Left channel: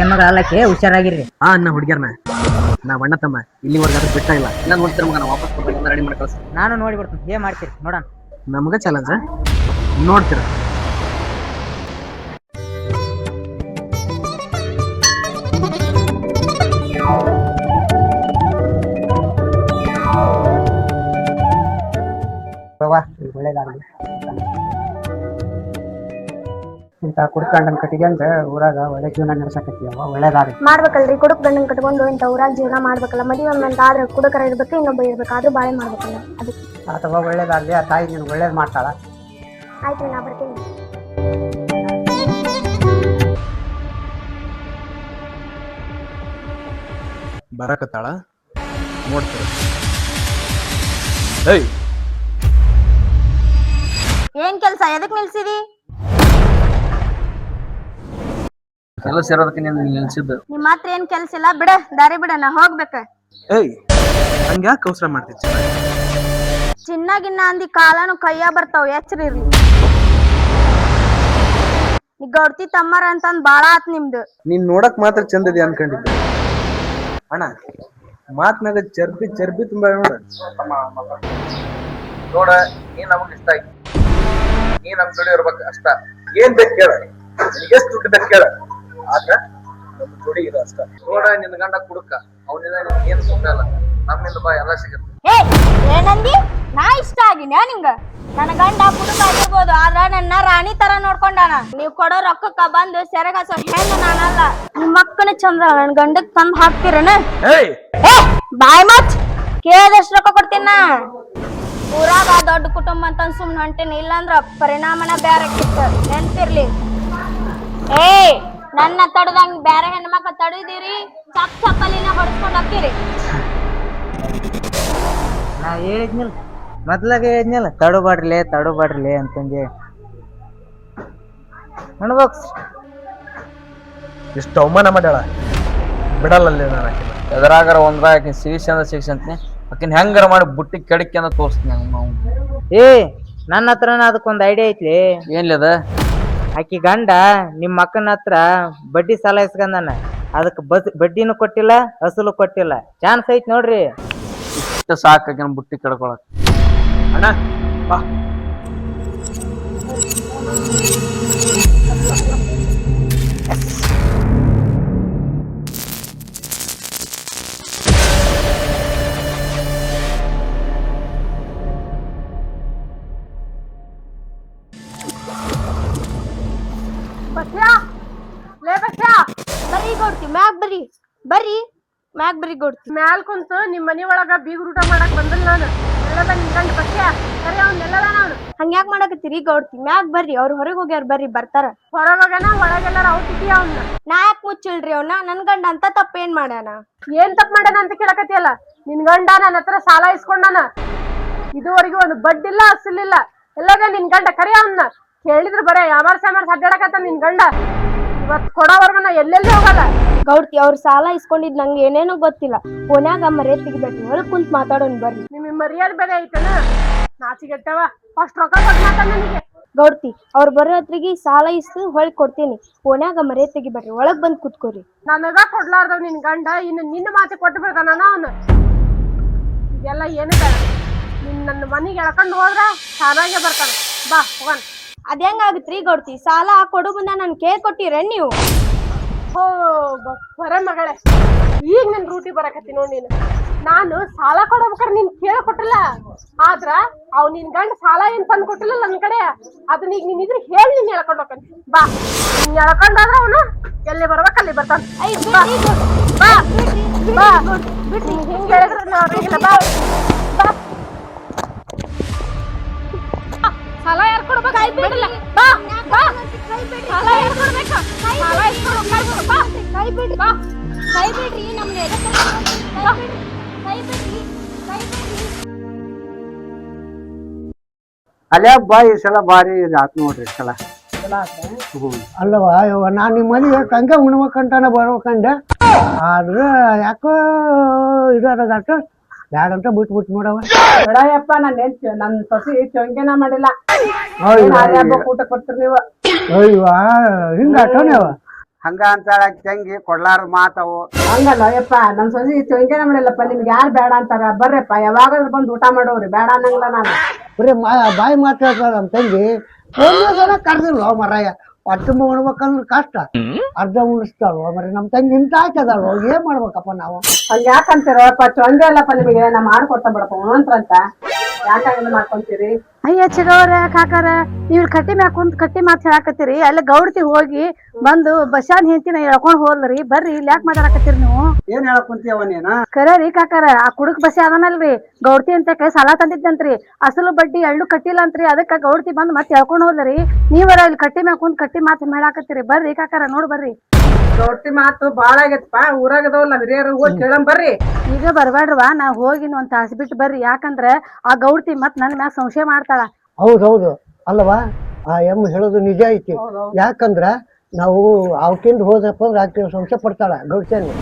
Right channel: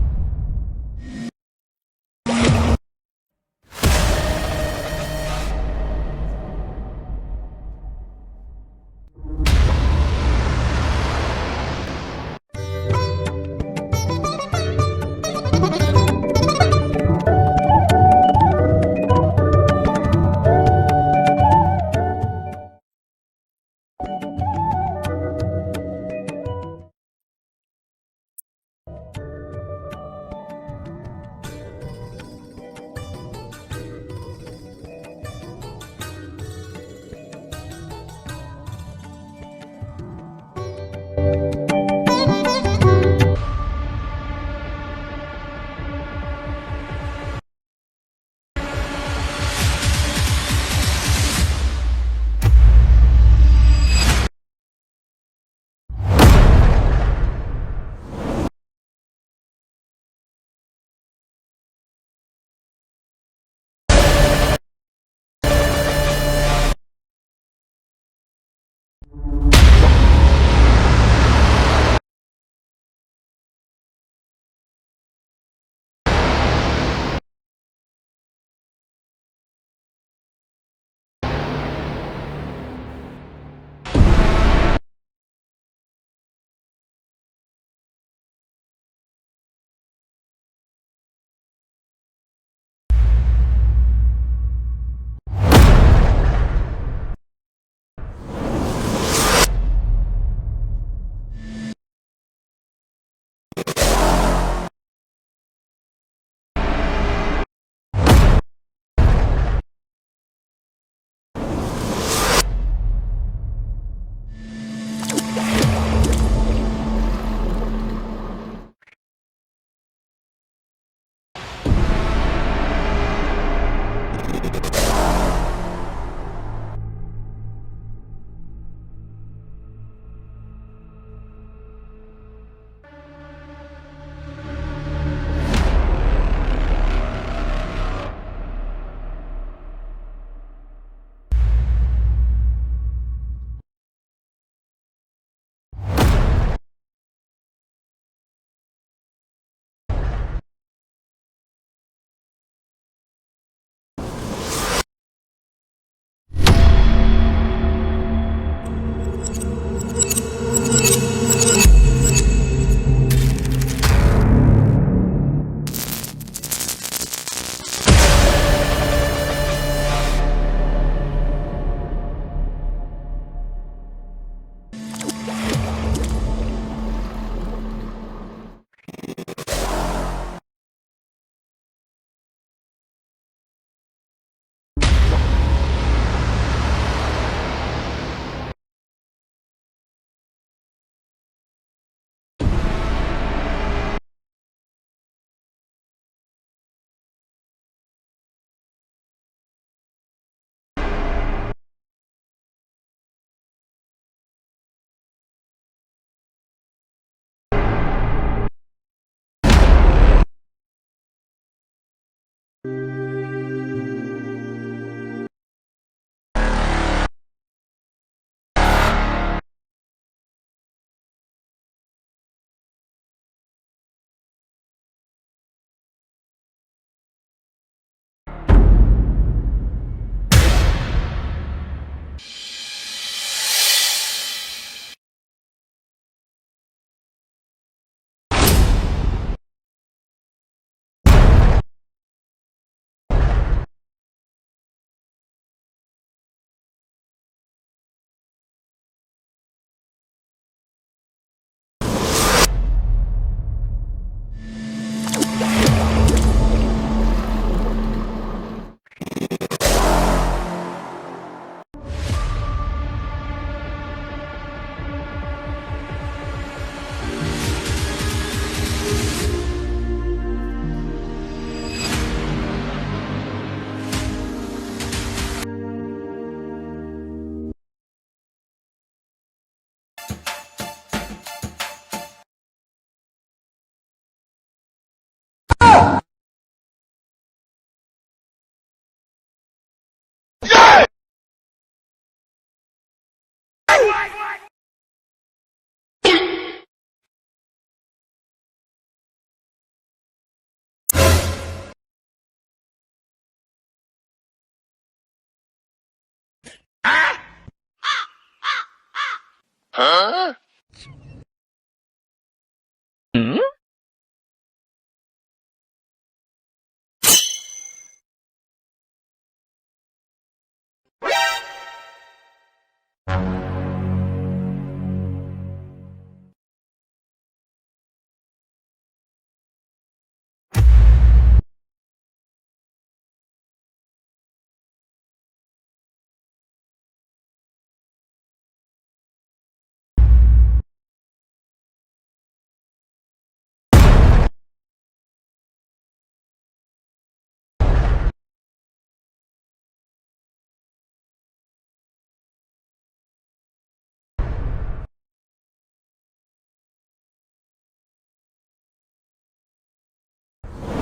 ಹೆಣ್ಮಗಳ ಅಲ್ಲಕ್ಕೆ ಹುಷಾರಾಗಿರ್ರಿ. ಅನ್ನ ಹುಡುಗ್ಯಾರನ ನಾ ಅಣ್ಣ ತಮ್ಮ ಇಲ್ಲಿವರೆಗೂ ಬಿಟ್ಟ ಇಲ್ಲ. ನಾನು ನೋಡ್ತೀರ ಮಗ, ನಾ ವಾಪಸ್ ಬರ್ಬೇಕು, ರೆಡಿ ಮಾಡಿ ಕಳ್ಸ. ನಾನು ನೋಡಿ ಬಿಡ್ತೀನಿ, ಏನ್ ಮಾಡ್ತೀರಿ ನೋಡೋಣ. ನಮಗ ಚಾಲೆಂಜ್ ನೋಡ್ತೀರ. ಒಳ್ಳೇದಾಗಲಿ. ಇಂತ ಕುಡ್ಕಂಡನ್ ಕಟ್ಟಿಗೆಂದ ಊರಾಗ ಒಳ್ಳೆ ಜೀವನ ನಡೆಸಕತ್ತಿವ. ಒಳ್ಳೇದಾಗಲಿ. ಮಾಡ್ಬೇಕಲ್ರಿ, ಕುಡುಕ್ ಗಂಡನ್ ಕಟ್ಕೊಂಡು ಇಂತ ಊರಾಗ ಜೀವನ ಮಾಡ್ಬೇಕಲ್ಲ. ಮದುವೆ ಅಂತ ಆದ್ರೆ ಕುಡುಕರ ಇರ್ಬೇಕು, ಇನ್ನೊಬ್ಬ ಇರ್ಬೇಕು, ಆದ್ರೂ ಬಾಳೆ ಮಾಡ್ಬೇಕಲ್ಲ. ಅದಕ್ಕೆ ಅಥವಾ ಒಳ್ಳೇದಾಗಲಿ. ಆ ತಾಯಿ ನೀನು ಒಳ್ಳೇದ್ ಮಾಡ್ತಾಳ. ಆಯ್ತು, ನಾ ಬರ್ತೀನಿ. ಬರಕತ್ತಾಳ ಏನ್ ಕೆಲ್ಸ, ಎದಕ್ ನಿಲ್ಸಿದಿ? ಕೆಲಸ ಇರೋದಕ್ಕೆ ನೀನು ನಿಲ್ಸಿದ್ದು. ನಿಮ್ ಮಾತ್ರ ಏನ್ ಕೆಲ್ಸ ಇಲ್ಲ, ಬಿಡ ದಾರಿ ಬಿಡ, ನಾ ಹೋಗ್ಬೇಕ. ಹಂಗ ಕೌಸರ ಮಾಡ್ತಿದ್ದ ಚಿನ್ನಾಗಿನ್ನ ಅಂದಿ ಕಾಲನು ಕೈಯ ಬರ್ತಾವ, ಎಚ್ಚರಿರ್ರಿ. ಈಗ ಗೌಡ್ತಿ ತಮ್ಮರ ಅಂತಂದ್ ಬಾಳ ಆತ್ ನಿಮ್ದು. ನೀನ್ ನೋಡಕ್ ಮಾತ್ರ ಚಂದದಿ ಅನ್ಕೊಂಡಿದ್ದೆ ಅಣ್ಣ. ಮಾತ್ನಾಗ ಚರ್ಬಿ ಚರ್ಬಿ ತುಂಬಾ ನೋಡ. ನೋಡ, ನೀ ನಮಗ್ ಇಷ್ಟ ಆಯ್ತು, ನೀ ನಮ್ ಜೋಡಿ ಇರ್ಬೇಕು ಅಷ್ಟ. ಏನ್ ಬೇಕು ಕೇಳ, ಎಷ್ಟು ದುಡ್ಡು ಬೇಕು ಕೇಳ, ಆದ್ರ ನಮ್ ಜೋಡಿ ಇರೋ ಅಷ್ಟ. ನೋಡ, ನಿನ್ ಗಂಡ ಕುಡುಕ, ಅವನಿಂದ ಏನ್ ಸುಖ ಇಲ್ಲ, ನಮ್ಮಿಂದ ಬಾ ಎಲ್ಲ ಸಿಗುತ್ತೆ. ಏನಂದಿ? ನಾ ಇಷ್ಟ ಆಗಿನ್ಯಾ ನಿಂಗ? ನನ್ನ ಗಂಡ ಕುಡುಕ ಆಗಿರ್ಬೋದು, ಆದ್ರ ನನ್ನ ರಾಣಿ ತರ ನೋಡ್ಕೊಂಡಾನ. ನೀವ್ ಕೊಡೋ ರೊಕ್ಕಕ್ಕ ಬಂದು ಸೆರಗಾಸೋ ಹೆಣ್ಣು ನಾನಲ್ಲ. ನಿಮ್ ಮಕ್ಕನ ಚಂದ್ರ ನನ್ ಗಂಡಕ್ ತಂದ್ ಹಾಕ್ತಿರನ? ಬಾಯ್ ಮತ್ ಕೇಳದಷ್ಟು ರೊಕ್ಕ ಕೊಡ್ತೀನ. ಊರಾಗ ದೊಡ್ಡ ಕುಟುಂಬ ಅಂತ ಸುಮ್ನೆ ಹೊಂಟೇನಿ, ಇಲ್ಲಾಂದ್ರ ಪರಿಣಾಮನ ಬೇರೆ ನೆನ್ಪಿರ್ಲಿ. ನನ್ನ ತಡದಂಗ ಬೇರೆ ಹೆಣ್ಮಕ್ಳ ತಡಿದಿರಿ, ಚಕ್ ಚಕ್ಕಲಿನ ಹೊಡ್ಸ್ಕೊಂಡ್ ಹೋಗ್ತೀರಿ. ನಾ ಹೇಳಿದ್ನಿಲ್ಲ, ಮೊದ್ಲಾಗ ಹೇಳಿದ್ನಿಲ್ಲ, ತಡುಬಾಡ್ರಿಲೆ ಅಂತಂದೆ. ಅನ್ಬೋಕ್ಸ್ ಇಷ್ಟು ಅವಮಾನ ಮಾಡ್ಯಾಳ, ಬಿಡಲ್ಲ. ಎದರಾಗಾರ ಒಂದ್ರಾಗ ಸಿಗಿಸಿ ಅಂದ್ರ ಸಿಗಿಸಿ ಅಂತೀನಿ, ಆಕಿನ ಹೆಂಗಾರ ಮಾಡಿ ಬುಟ್ಟಿ ಕೆಡಕಿ ಅಂತ ತೋರಿಸ್ತೀನಿ ನಾವು. ನನ್ನ ಹತ್ರನ ಅದಕ್ಕೊಂದ್ ಐಡಿಯಾ ಐತ್ಲಿ. ಏನ್ಲಿ ಅದ? ಆಕಿ ಗಂಡ ನಿಮ್ ಮಕ್ಕನ ಹತ್ರ ಬಡ್ಡಿ ಸಾಲ ಇಸ್ಕಂದಾನ, ಅದಕ್ಕೆ ಬಡ್ಡಿನೂ ಕೊಟ್ಟಿಲ್ಲ, ಅಸಲು ಕೊಟ್ಟಿಲ್ಲ. ಚಾನ್ಸ್ ಐತ್ ನೋಡ್ರಿ. ಸಾಕಾಕಿನ ಬುಟ್ಟಿ ಕೆಡ್ಕೊಳಕ್. ಮ್ಯಾಲ್ ಕುಂತು ನಿಮ್ ಮನಿ ಒಳಗ ಬೀಗ್ ಊಟ ಮಾಡಕ್ ಬಂದಲ್ ನಾನು. ಹಂಗ್ಯಾಕ್ ಮಾಡಕತ್ತೀರಿ ಗೌಡ್ತಿ? ಮ್ಯಾಗ್ ಬರ್ರಿ, ಅವ್ರ ಹೊರಗ್ ಹೋಗ್ಯಾರ, ಬರ್ರಿ ಬರ್ತಾರ. ಹೊರಗೋಗನ ಒಳಗೆಲ್ಲಾರ ಔತಿದ್ಯಾ ಅವ್ನ? ನಾ ಯಾಕೆ ಮುಚ್ಚಿಲ್ರಿ ಅವ್ನ? ನನ್ ಗಂಡ ಅಂತ ತಪ್ಪ ಏನ್ ಮಾಡ್ಯಾನ? ಏನ್ ತಪ್ಪ ಮಾಡ್ಯಾನ ಅಂತ ಕೇಳಕತ್ತಿಯಲ್ಲ? ನಿನ್ ಗಂಡ ನನ್ನ ಹತ್ರ ಸಾಲ ಇಸ್ಕೊಂಡಾನ, ಇದುವರೆಗೂ ಒಂದು ಬಡ್ಡಿಲ್ಲ ಅಸಲಿಲ್ಲ. ಎಲ್ಲದ ನಿನ್ ಗಂಡ ಕರಿ ಅವನ್ನ ಕೇಳಿದ್ರು ಬರೇ ಯಾಮಾರ್ಸ್ ಅಡ್ಡಾಡಕತ್ತ ನಿನ್ ಗಂಡ. ಇವತ್ ಕೊಡೋವರ್ಗು ನಾ ಎಲ್ಲೆಲ್ಲಿ ಹೋಗಲ್ಲ. ಗೌಡ್ತಿ, ಅವ್ರ ಸಾಲ ಇಸ್ಕೊಂಡಿದ್ ನಂಗೆ ಏನೇನೋ ಗೊತ್ತಿಲ್ಲ. ಫೋನ್ಯಾಗ ಮರ್ಯಾದೆ ತೆಗಿಬೇಕು, ಹೊರಗ್ ಕುಂತ್ ಮಾತಾಡೋನ್ ಬರ್ರಿ. ನಿಮ್ ಮರ್ಯಾದೆ ಬೇರೆ ಐತನ? ನಾಚಿಗೆಟ್ಟವ, ಅಷ್ಟ್ ರೊಕ್ಕ ಕೊಟ್ಟು ಮಾತಾಡ ನನಗೆ. ಗೌಡ್ತಿ, ಅವ್ರ ಬರೋ ಹತ್ರಿಗೆ ಸಾಲ ಇಸ್ತು ಹೊಳ್ ಕೊಡ್ತೀನಿ. ಫೋನ್ಯಾಗ ಮರ್ಯಾದೆ ತೆಗಿಬೇಡ್ರಿ, ಒಳಗ್ ಬಂದ್ ಕುತ್ಕೋರಿ. ನನಗ ಕೊಡ್ಲಾರ್ದವ್ ನಿನ್ ಗಂಡ ಇನ್ನು ನಿನ್ನ ಮಾತಿ ಕೊಟ್ಟು ಬಿಡ್ತಾನ ಅವನು. ಎಲ್ಲ ಏನು ಬೇಡ, ನಿನ್ ನನ್ನ ಮನಿಗೆ ಎಳ್ಕೊಂಡು ಹೋದ್ರ ಚೆನ್ನಾಗೆ ಬರ್ತಾನ. ಬಾ ಹೋಗನ್. ಅದ್ ಹೆಂಗಾಗತ್ರಿ ಗೌಡ್ತಿ? ಸಾಲ ಕೊಡು ಮುಂದ ನನ್ ಕೇಳ್ ಕೊಟ್ಟಿರ ನೀವು? ಹೋ ಬರ ಮಗಳೇ, ಈಗ ನನ್ ರೂಟಿ ಬರಕತ್ತಿ ನೋಡ್ ನೀನು. ನಾನು ಸಾಲ ಕೊಡ್ಬೇಕಾರೆ ನೀನ್ ಕೇಳ ಕೊಟ್ಟಿಲ್ಲ, ಆದ್ರ ಅವ್ ನಿನ್ ಗಂಡ ಸಾಲ ಏನ್ ತಂದ್ ಕೊಟ್ಟಿಲ್ಲ ನನ್ ಕಡೆ. ಅದನ್ನ ಈಗ ನೀನ್ ಇದ್ರ ಹೇಳಿ ನೀನ್ ಎಳ್ಕೊಂಡ್ ಹೋಗ್ತಾನೆ. ಬಾ, ನೀನ್ ಎಳ್ಕೊಂಡಾದ್ರ ಅವನು ಎಲ್ಲಿ ಬರ್ಬೇಕಲ್ಲಿ ಬರ್ತಾನ. ಬಾ ಬಾ ಬಾ, ಹಿಂಗ್ ಹೇಳಿದ್ರ ಬಾ ಬಾ. ಸಾಲ ಯಾರು ಕೊಡ್ಬೇಕು? ಆಯ್ತು ಬಿಡಲ್ಲ. ಬಾ ಬಾ, ಸಾಲ ಯಾರು ಕೊಡ್ಬೇಕು? ಸಾಲ ಇಸ್ಕೊಂಡು ಬಾ. ಕೈ ಬಿಡ್ರಿ, ಬಾ ಕೈ ಬಿಡ್ರಿ. ನಮ್ಗೆ ಅಲ್ಲೇ ಬಾ, ಈ ಸಲ ಭಾರಿ ಆತ್ ನೋಡ್ರಿ. ಈ ಸಲ ಅಲ್ಲವಾ ಯವ್ವ, ನಾನ್ ನಿಮ್ಮ ಮನೆಗೆ ಕಂಗೆ ಉಣ್ಬೇಕಂತಾನ ಬರ್ಬೇಕಂಡೆ, ಆದ್ರೆ ಯಾಕೋ ಇದಾಟ ಬ್ಯಾಡಂತ ಬಿಟ್ಬಿಟ್ಟು ನೋಡವ. ಬೇಡಯಪ್ಪ, ನನ್ ಸೊಸಿ ಚೊಂಗೆನ ಮಾಡಿಲ್ಲ. ಊಟ ಕೊಡ್ತೀರಿ ನೀವು? ಅಯ್ಯವ, ಹಿಂಗ ಆಟೋನೇವ ಹಂಗ ಅಂತಾಳ ತಂಗಿ ಕೊಡ್ಲಾರ ಮಾತವು. ಹಂಗಲ್ಲ ಯಪ್ಪ ನಮ್ ಸೊಸಿ ಚೊಂಗೆನ ಮಾಡಿಲ್ಲಪ್ಪ, ನಿಮ್ಗೆ ಯಾರು ಬೇಡ ಅಂತಾರ? ಬರ್ರಪ್ಪ, ಯಾವಾಗಾದ್ರೂ ಬಂದು ಊಟ ಮಾಡೋರಿ, ಬೇಡ ಅನ್ನಂಗಿಲ್ಲ ನಾನು. ಬರೀ ಬಾಯಿ ಮಾತು ಹೇಳ್ತಾಳ ನಮ್ ತಂಗಿ. ಕರ್ದಿಲ್ವ ಮರಯ್ಯ, ಹೊಟ್ಟೆ ಉಣ್ಬೇಕಂದ್ರೆ ಕಷ್ಟ, ಅರ್ಧ ಉಣಿಸ್ತಾಳು ಮರಿ ನಮ್ ತಂಗಿ ಇಂತ ಹಾಕದಾಳು. ಏನ್ ಮಾಡ್ಬೇಕಪ್ಪ ನಾವು? ಹಂಗ ಯಾಕಂತೀರಪ್ಪ? ಚೊಂಗೆ ಅಲ್ಲಪ್ಪ ನಿಮಗೆ, ನಾ ಮಾಡ್ಕೊಡ್ತಾ ಬಿಡಪ್ಪ ಉಣಂತ್ರ ಅಂತ ಯಾಕಂಗ ಮಾಡ್ಕೊಂತೀರಿ? ಅಯ್ಯ ಚಿಗವ್ರ ಕಾಕಾರ, ನೀವು ಕಟ್ಟಿ ಮ್ಯಾಗ ಕುಂತ್ ಕಟ್ಟಿ ಮಾತು ಹೇಳಾಕತ್ತೀರಿ. ಅಲ್ಲಿ ಗೌಡ್ತಿ ಹೋಗಿ ಬಂದು ಬಸ್ಸಾನ್ ಹೆಂತಿನ ಎಳ್ಕೊಂಡ್ ಹೋದ್ರಿ. ಬರ್ರಿ ಇಲ್ಲಿ ಯಾಕೆ ಮಾತಾಡಕತ್ತೀರಿ ನೀವು? ಏನ್ ಹೇಳಕ್ ಕುಂತೀವ ನೀನ? ಕರೀರಿ ಕಾಕಾರ, ಆ ಕುಡುಕ್ ಬಸ್ಸಿ ಅದನಲ್ರಿ ಗೌಡ್ತಿ ಅಂತ ಸಾಲ ತಂದಿದ್ದಂತ್ರಿ, ಅಸಲು ಬಡ್ಡಿ ಎಳ್ಳು ಕಟ್ಟಿಲ್ಲ ಅಂತ್ರಿ. ಅದಕ್ಕ ಗೌಡ್ತಿ ಬಂದ್ ಮತ್ತೆ ಎಳ್ಕೊಂಡ್ ಹೋದ್ರಿ. ನೀವರ ಇಲ್ಲಿ ಕಟ್ಟಿ ಮ್ಯಾಗ ಕುಂತ್ ಕಟ್ಟಿ ಮಾತು ಹೇಳಾಕತ್ತೀರಿ. ಬರ್ರಿ ಕಾಕಾರ, ನೋಡ್ ಬರ್ರಿ. ರೊಟ್ಟಿ ಮಾತು ಬಾಳ ಆಗೈತಪ್ಪ, ಊರಾಗದವಲ್ಲ ಹಿರಿಯರು ಹೋಗಿ ಕೇಳಂ ಬರ್ರಿ. ಈಗ ಬರ್ಬೇಡ್ರವಾ, ನಾ ಹೋಗಿನ ಒಂದ್ ತಾಸ್ ಬಿಟ್ಟು ಬರ್ರಿ. ಯಾಕಂದ್ರ ಆ ಗೌಡ್ತಿ ಮತ್ ನನ್ ಮ್ಯಾಗ ಸಂಶಯ ಮಾಡ್ತಾಳ. ಹೌದೌದು ಅಲ್ಲವಾ, ಆ ಎಮ್ಮ ಹೇಳೋದು ನಿಜ ಐತಿ. ಯಾಕಂದ್ರ ನಾವು ಅವಕಿಂದ ಹೋದಪ್ಪ ಅಂದ್ರೆ ಆಕೆ ಸಂಶಯ ಪಡ್ತಾಳ ಗೌಡ್ತಿಯನ್ನು.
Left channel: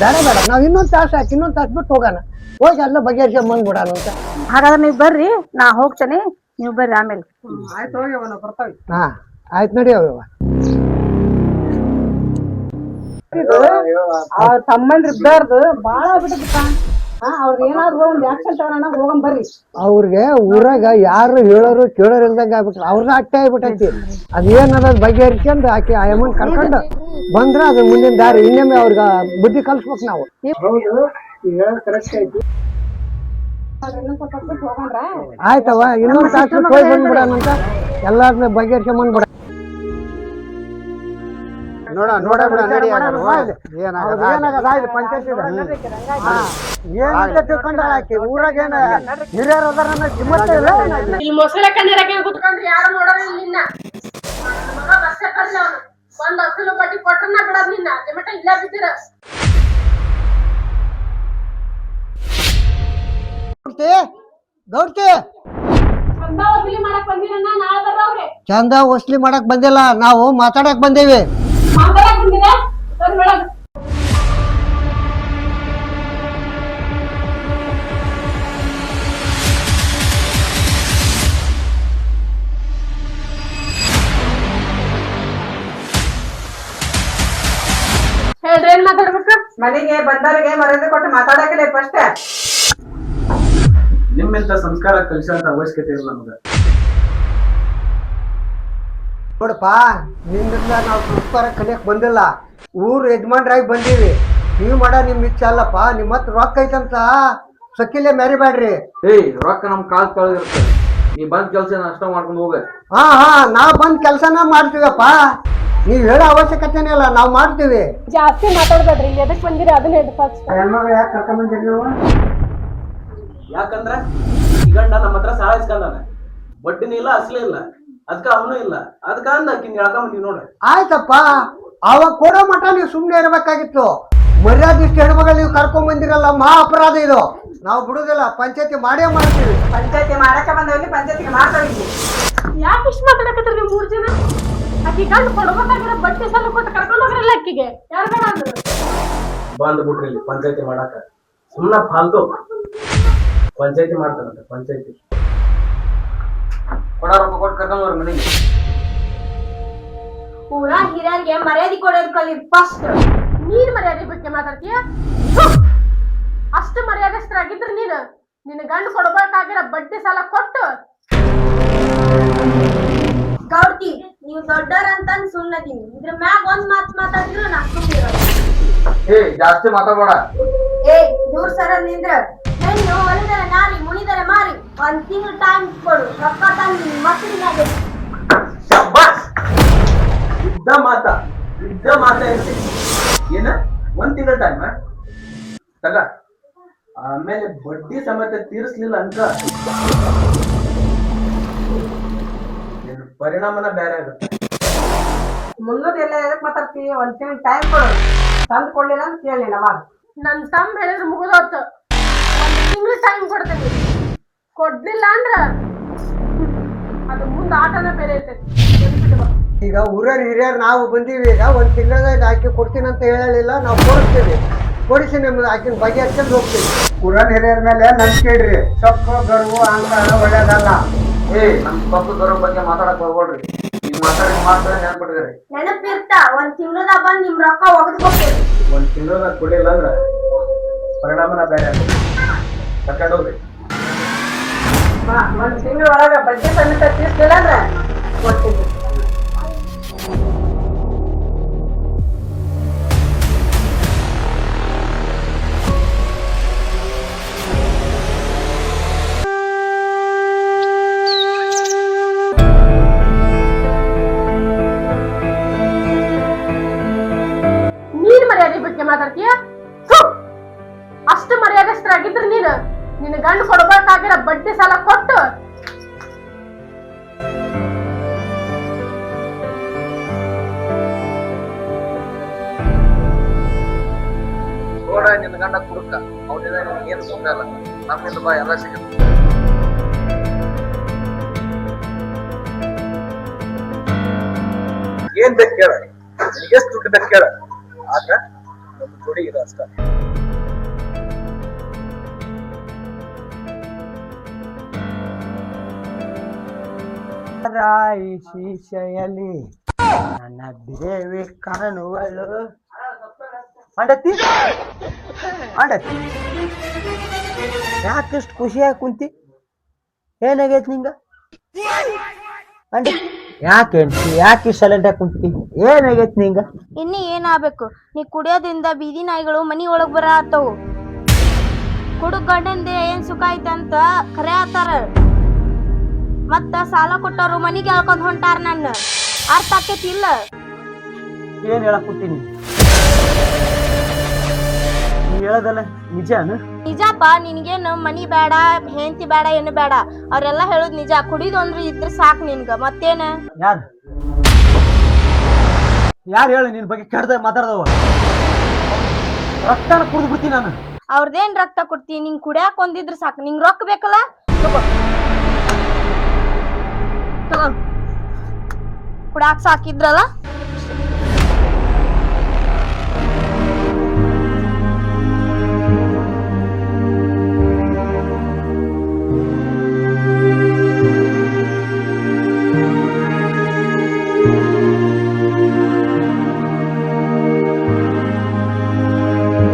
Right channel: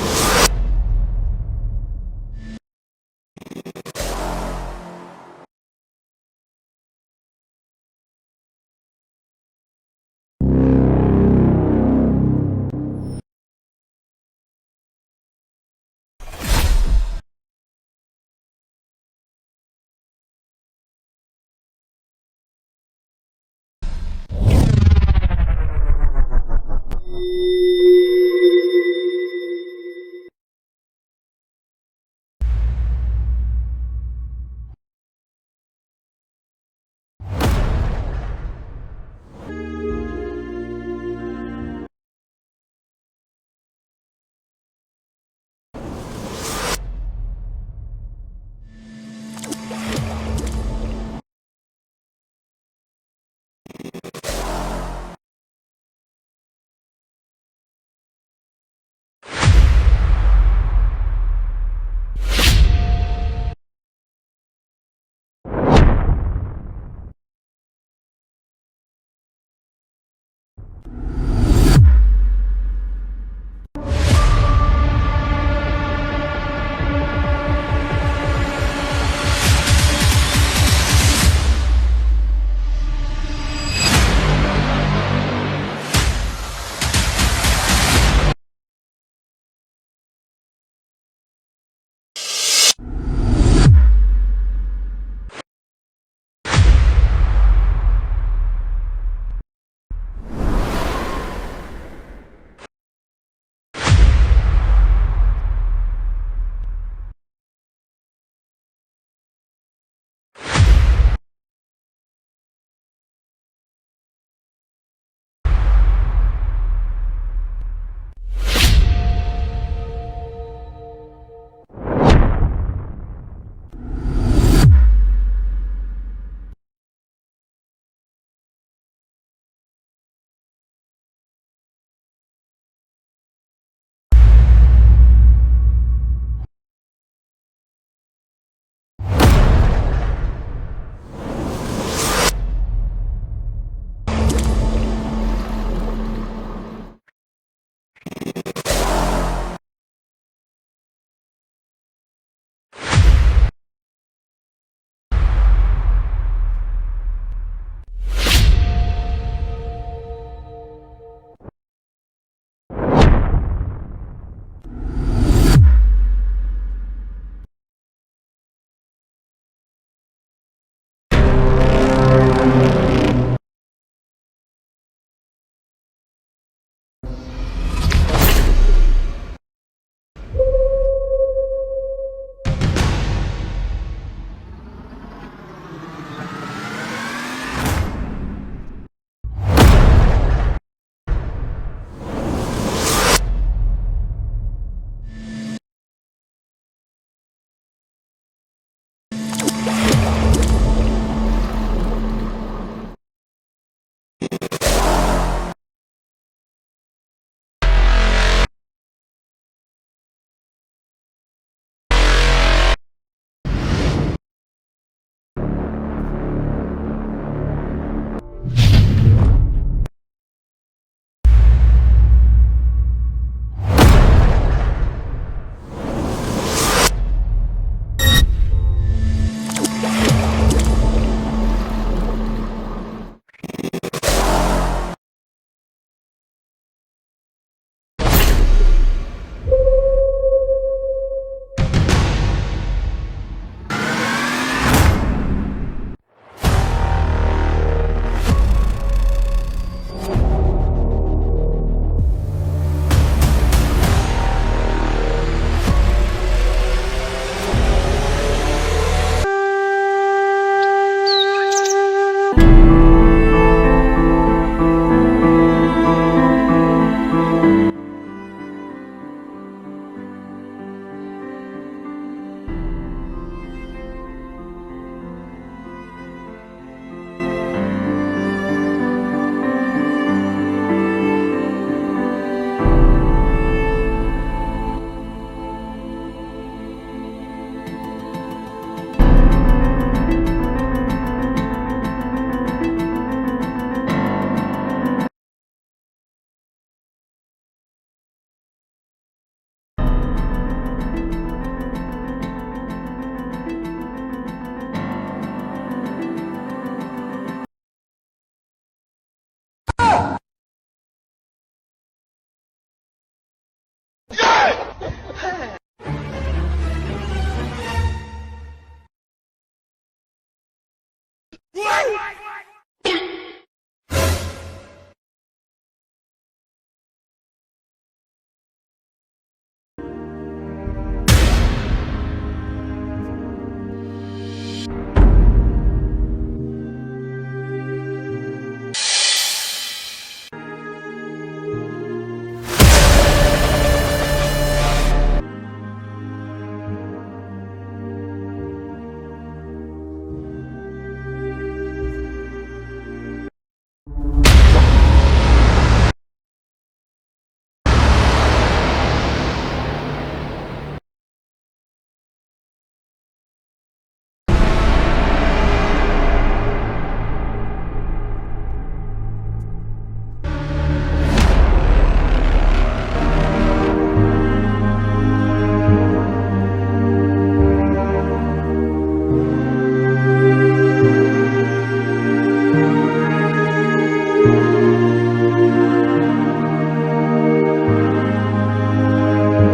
ಬೇಡ ಬೇಡ, ನಾವ್ ಇನ್ನೊಂದ್ ತಾಸು ಬಿಟ್ಟು ಹೋಗೋಣ, ಹೋಗಿ ಎಲ್ಲ ಬಗೆಹರಿಸಿ ಬಂದ್ಬಿಡೋಣ ಅಂತ. ಹಾಗಾದ್ರೆ ನೀವ್ ಬರ್ರಿ, ನಾ ಹೋಗ್ತೇನೆ, ನೀವ್ ಬರ್ರಿ ಆಮೇಲೆ. ಆಯ್ತು ಹೋಗಿ ಅವನು ಬರ್ತಾವ. ಹಾ ಆಯ್ತು, ನಡಿ ಅವ್ವ. ತಮ್ಮಂದ್ರ ಇದ್ದಾರ್ದು ಬಾಳ ಆಗ್ಬಿಟ್ಟಪ್ಪ. ಅವ್ರಿಗೆ ಏನಾದ್ರು ಒಂದ್ ಆಕ್ಷನ್ ತಗೋಣ, ಹೋಗಂ ಬರ್ರಿ. ಅವ್ರಿಗೆ ಊರಾಗ ಯಾರು ಹೇಳೋರು ಕೇಳೋರು ಇಲ್ದಂಗ ಆಗ್ಬಿಟ್ರು, ಅವ್ರನ್ನ ಅಟ್ಟೆ ಆಗ್ಬಿಟ್ಟೈತಿ. ಅದೇನದ ಬಗೆಹರಿಸ್ಕೊಂಡು ಆಕೆ ಆ ಅಮ್ಮನ್ ಕರ್ಕೊಂಡು ಬಂದ್ರ ಅದ್ರ ಮುಂದಿನ ದಾರಿ. ಇನ್ನೊಮ್ಮೆ ಅವ್ರಿಗೆ ಬುದ್ಧಿ ಕಲ್ಸ್ಬೇಕು ನಾವು. ಆಯ್ತವ, ಇನ್ನೊಂದು ತಾಸು ಹೋಗಿ ಬಂದ್ಬಿಡೋಣ ಅಂತ ಎಲ್ಲಾರನ್ನ ಬಗೆಹರಿಸ್ಕೊಂಡ್ ಬಂದ್ಬಿಡ. ನೋಡ ತಿಳ್ಕೊಂಡಾಳ ಆಕಿ. ಊರಾಗ ಏನ ಹಿರಿಯರು ಇಲ್ಲಿ ಮೊಸಳೆ ಕಣ್ಣೀರಾಗ ಕುತ್ಕೊಂಡ್ರಿ ಯಾರು ನೋಡೋಣ ನಿನ್ನ. ಬಸ್ಸೇ ಕರ್ಲಿ ಅವನು ಒಂದ್ ಅಸಲು ಬಡ್ಡಿ ಕೊಟ್ರನ್ನ ಬಿಡೋದ್ ನಿನ್ನ. ಟೊಮೆಟೊ ಇಲ್ಲ ಬಿದ್ದೀರ ಗೌಡ್ತಿ ಚಂದ ವಸೂಲಿ ಮಾಡಕ್ ಬಂದಿರನ್ನ, ನಾಳೆ ಬರ್ರವ್ರೆ. ಚಂದ ವಸೂಲಿ ಮಾಡಕ್ ಬಂದಿಲ್ಲ, ನಾವು ಮಾತಾಡಕ್ ಬಂದೇವಿ. ಮಾತಾಡಕ್ ಬಂದಿರ ಬಂದ್ ಬಿಡೋದು. ಹೇಳ್ರಿ, ಏನ್ ಮಾತಾಡ್ಬೇಕು? ಮನೆಗೆ ಬಂದವರಿಗೆ ಮರ್ಯಾದೆ ಕೊಟ್ಟು ಮಾತಾಡಕಿಲ್ಲ ಫಸ್ಟ್. ನಿಮ್ಮಿಂತ ಸಂಸ್ಕಾರ ಕಲಿಸೋಂತ ಅವಶ್ಯಕತೆ ಇಲ್ಲ ನಮ್ಗೆ. ನೋಡಪ್ಪ, ನಿಮ್ಮಿಂದ ನಾವು ಸಂಸ್ಕಾರ ಕಲಿಯಕ್ ಬಂದಿಲ್ಲ, ಊರ್ ಯಜಮಾನ್ರಾಗಿ ಬಂದೀವಿ. ನೀವು ಮಾಡೋ ನಿಮ್ ಇಚ್ಛೆ ಅಲ್ಲಪ್ಪ. ನಿಮ್ಮ ಹತ್ರ ರೊಕ್ಕ ಐತಂತ ಸಕ್ಕಿಲೆ ಮೆರಿಬೇಡ್ರಿ. ಏಯ್, ರೊಕ್ಕ ನಮ್ ಕಾಲ್ ಕಳೆದಿರುತ್ತೆ. ನೀ ಬಂದ್ ಕೆಲ್ಸ ನಷ್ಟ ಮಾಡ್ಕೊಂಡು ಹೋಗ. ಹಾ ನಾವ್ ಬಂದ್ ಕೆಲ್ಸನ ಮಾಡ್ತೀವಪ್ಪ, ನೀವ್ ಹೇಳೋ ಅವಶ್ಯಕತೆನೇ ಇಲ್ಲ, ನಾವ್ ಮಾಡ್ತೀವಿ. ಜಾಸ್ತಿ ಮಾತಾಡ್ಬೇಡ್ರಿ, ಎದಕ್ ಬಂದಿರಿ ಅದನ್ನ ಹೇಳಿ ಫಸ್ಟ್. ಹೆಣ್ಮಗಳು ಯಾಕೆ ಕರ್ಕೊಂಡ್ ಬಂದಿರಿ ನೀವು? ಯಾಕಂದ್ರ ಈ ಗಂಡ ನಮ್ಮ ಹತ್ರ ಸಾಲ ಇಸ್ಕೊಂಡಾನ, ಬಡ್ಡಿನೂ ಇಲ್ಲ ಅಸಲೇ ಇಲ್ಲ, ಅದಕ್ಕ ಅವನು ಇಲ್ಲ, ಅದಕ್ಕ ಅಂದಾಕಿನ್ ಹೇಳ್ಕೊಂಬಂದಿವಿ ನೋಡ್ರಿ. ಆಯ್ತಪ್ಪ, ಅವಾಗ ಕೊಡೋ ಮಠ ನೀವು ಸುಮ್ನೆ ಇರ್ಬೇಕಾಗಿತ್ತು. ಮರ್ಯಾದೆ ಇಷ್ಟು ಹೆಣ್ಮಗಳು ನೀವು ಕರ್ಕೊಂಡ್ ಬಂದಿರಲ್ಲ, ಮಹಾ ಅಪರಾಧ ಇದು. ನಾವು ಬಿಡುದಿಲ್ಲ, ಪಂಚಾಯತಿ ಮಾಡೇ ಮಾಡ್ತೀವಿ. ಪಂಚಾಯತಿ ಮಾಡಕ ಬಂದವಲ್ಲಿ ಪಂಚಾಯತಿಗೆ ಮಾತಾಡಿ. ಯಾಕೆ ಇಷ್ಟು ಮಾತಾಡಕತ್ತೀರಿ ನೀವು 3 ಜನ? ಅಕ್ಕಿ ಗಂಡು ಕೊಡ್ಬೇಕಾಗಿರೋ ಬಟ್ಟೆ ಸಲ ಕೊಟ್ಟು ಕರ್ಕೊಂಡು ಹೋಗ್ರಲ್ಲ ಅಕ್ಕಿಗೆ. ಯಾರು ಬೇಡ ಅಂದ್ರು? ಬಂದ್ ಬಿಟ್ರಿ ಇಲ್ಲಿ ಪಂಚಾಯತಿ ಮಾಡಾಕ. ಸುಮ್ನ ಫಾಲ್ತು ಪಂಚಾಯತಿ ಮಾಡ್ತಾರಂತೆ. ಪಂಚಾಯತಿ ಕೊಡ, ರೊಕ್ಕ ಕೊಟ್ಟು ಕರ್ಕೊಂಡು ಹೋಗ್ರಿ ಮನೆಗೆ. ಊರ ಹಿರಿಯರಿಗೆ ಮರ್ಯಾದೆ ಕೊಡೋದ್ ಕಲಿ ಫಸ್ಟ್. ನೀನ್ ಮರ್ಯಾದೆ ಬಗ್ಗೆ ಮಾತಾಡ್ತೀಯ? ಅಷ್ಟು ಮರ್ಯಾದಸ್ಥರಾಗಿದ್ರೆ ನೀನು ನಿನ್ನ ಗಂಡು ಕೊಡ್ಬೇಕಾಗಿರೋ ಬಡ್ಡಿ ಸಾಲ ಕೊಟ್ಟು. ಗೌಡ್ತಿ, ನೀವು ದೊಡ್ಡವ್ರಂತ ಸುಮ್ಮನದೀನಿ. ಇದ್ರ ಮ್ಯಾಗ ಒಂದ್ ಮಾತ್ ಮಾತಾಡಿದ್ರು ನಾ ಏಯ್, ಜಾಸ್ತಿ ಮಾತಾಡ್ಬೇಡ. ದೂರ ಸರ ನಿಂದ್ರ. ಹೆಣ್ಣು ಒಲಿದರೆ ನಾರಿ, ಮುನಿದರೆ ಮಾರಿ. 1 ತಿಂಗಳು ಟೈಮ್ ಕೊಡು, ರೊಕ್ಕ ತಂದು ಮಕ್ಕಳಿಗೆ. ಇದ್ದ ಮಾತ ಏನ 1 ತಿಂಗಳ ಟೈಮ್ ತಗ, ಆಮೇಲೆ ಬಡ್ಡಿ ಸಮೇತ ತೀರಿಸ್ಲಿಲ್ಲ ಅಂತ ಪರಿಣಾಮನ ಬೇರೆ ಆಗುತ್ತೆ. ಮುಂದದ ಎಲ್ಲ ಎದಕ್ ಮಾತಾಡ್ತೀವಿ? 1 ತಿಂಗಳು ಟೈಮ್ ಕೊಡು, ತಂದು ಕೊಡ್ಲಿಲ್ಲ ಅಂತ ಕೇಳಿ ಅವಾಗ. ನನ್ ತಮ್ಮ ಹೇಳಿದ್ರೆ ಮುಗಿದೋತು. 1 ತಿಂಗಳು ಟೈಮ್ ಕೊಡ್ತೀನಿ, ಕೊಡ್ಲಿಲ್ಲ ಅಂದ್ರ ಅದು ಮುಂದೆ ಆಟನ ಬೇರೆ ಇರ್ತೈತಿ. ಈಗ ಊರರ್ ಹಿರಿಯರ್ ನಾವು ಬಂದೀವಿ. ಈಗ 1 ತಿಂಗಳದಾಗ ಆಕಿ ಕೊಡ್ತೀನಿ ಅಂತ ಹೇಳಿಲ್ಲ, ನಾವು ಕೊಡಿಸ್ತೀವಿ. ಕೊಡಿಸಿ ನಿಮ್ದು ಆಕಿನ ಬಗೆಹರಿಸ್ಕೊಂಡು ಹೋಗ್ತೀವಿ. ಊರರ್ ಹಿರಿಯರ ಮೇಲೆ ನಂಬಿಕೆ ಇಡ್ರಿ. ಸೊಪ್ಪು ಗರ್ವು ಅಹಂಕಾರ ಒಳ್ಳೇದಲ್ಲ. ನಮ್ ಪಪ್ಪ ಬರೋ ಬಗ್ಗೆ ಮಾತಾಡಕ್ ಹೋಗ್ಬೇಡ್ರಿ ಈಗ ಮಾತಾಡ ನೆನ್ಪಿಟ್ರಿ ನೆನಪಿರ್ತ ಒಂದ್ ತಿಂಗಳದಾಗ ಬಂದ್ ನಿಮ್ ರೊಕ್ಕ ಒಗದ್ಬೇಕು. ಒಂದ್ ತಿಂಗಳ ಕೊಡಿಲ್ಲ ಅಂದ್ರ ಪರಿಣಾಮನ ಬೇರೆ ಕರ್ಕೊಂಡೋಗ್ರಿ. ಒಂದ್ ತಿಂಗಳ ಒಳಗ ಬಡ್ಡಿ ಸಮೇತ ತೀರ್ಸ್ಲಿಲ್ಲ ಅಂದ್ರೆ ಕೊಡ್ತೀನಿ. ನೀನ್ ಮರ್ಯಾದೆ ಬಗ್ಗೆ ಮಾತಾಡ್ತೀಯ? ಥು! ಅಷ್ಟು ಮರ್ಯಾದಸ್ಥರಾಗಿದ್ರ ನೀನು ನಿನ್ನ ಗಂಡು ಕೊಡ್ಬೇಕಾಗಿರೋ ಬಡ್ಡಿ ಸಾಲ ಕೊಟ್ಟು ನೋಡ ನಿನ್ನ ಗಂಡ ಕುಡುಕ ಅವನಿಂದ ನಿಮ್ಗೆ ಏನು ಸುಖ ಇಲ್ಲ. ನಮ್ಮಿಂದ ಬಾ ಎಲ್ಲ ಸಿಗುತ್ತೆ. ಏನ್ ಬೇಕು ಕೇಳ, ಎಷ್ಟು ದುಡ್ಡು ಬೇಕು ಕೇಳ, ಆದ್ರ ನಮ್ಮ ಜೋಡಿ ಇದು ಅಷ್ಟ. ರಾಯಿ ಶೀಶೆಯಲ್ಲಿ ನನ್ನ ದೇವಿ ಕಾಣುವಳು. ಅಂಡತಿ ಅಂಡತಿ ಯಾಕಷ್ಟು ಖುಷಿಯಾಗಿ ಕುಂತಿ? ಏನಾಗೈತಿ ನಿಂಗ? ಯಾಕೆ ಸೈಲೆಂಟ್ ಆಗಿ ಕುಂತಿ? ಏನಾಗೈತಿ ನಿಂಗ? ಇನ್ನು ಏನಾಗ್ಬೇಕು? ನೀ ಕುಡಿಯೋದ್ರಿಂದ ಬೀದಿ ನಾಯಿಗಳು ಮನಿ ಒಳಗ್ ಬರ ಆತವು. ಹುಡುಗ ಗಂಡಂದೆ ಏನ್ ಸುಖ ಐತಂತ ಖರೆ ಆತಾರ. ಮತ್ತ ಸಾಲ ಕೊಟ್ಟವ್ರು ಮನಿಗೆ ಹೇಳ್ಕೊಂಡ್ ಹೊಂಟಾರ. ನನ್ನ ಅರ್ಥ ಆಕೈತಿ ಇಲ್ಲ? ಏನ್ ಹೇಳಕ್ ಕುಂತೀನಿ? ಹೇಳದಲ್ಲ ನಿಜಾನ? ನಿಜಪ್ಪ. ನಿನ್ಗೇನು ಮನಿ ಬೇಡ, ಹೆಂಡತಿ ಬೇಡ, ಏನು ಬೇಡ. ಅವ್ರೆಲ್ಲಾ ಹೇಳುದ್ ನಿಜ. ಕುಡಿದು ಅಂದ್ರೆ ಇದ್ರ ಸಾಕ್ ನಿನ್ಗ. ಮತ್ತೇನ? ಯಾರು ಹೇಳು ನಿನ್ ಬಗ್ಗೆ ಕೆಡ್ದ ಮಾತಾಡ್ದವ? ರಕ್ತ ಕುಡ್ದು ಬಿಡ್ತೀನಿ ನಾನು. ಅವ್ರದೇನ್ ರಕ್ತ ಕೊಡ್ತೀನಿ? ನಿಂಗ್ ಕುಡಿಯಾಕ ಒಂದಿದ್ರ ಸಾಕು. ನಿಂಗ್ ರೊಕ್ಕ ಬೇಕಲ್ಲ? ಕುಡಾಕ್ ಸಾಕಿದ್ರಲ್ಲ.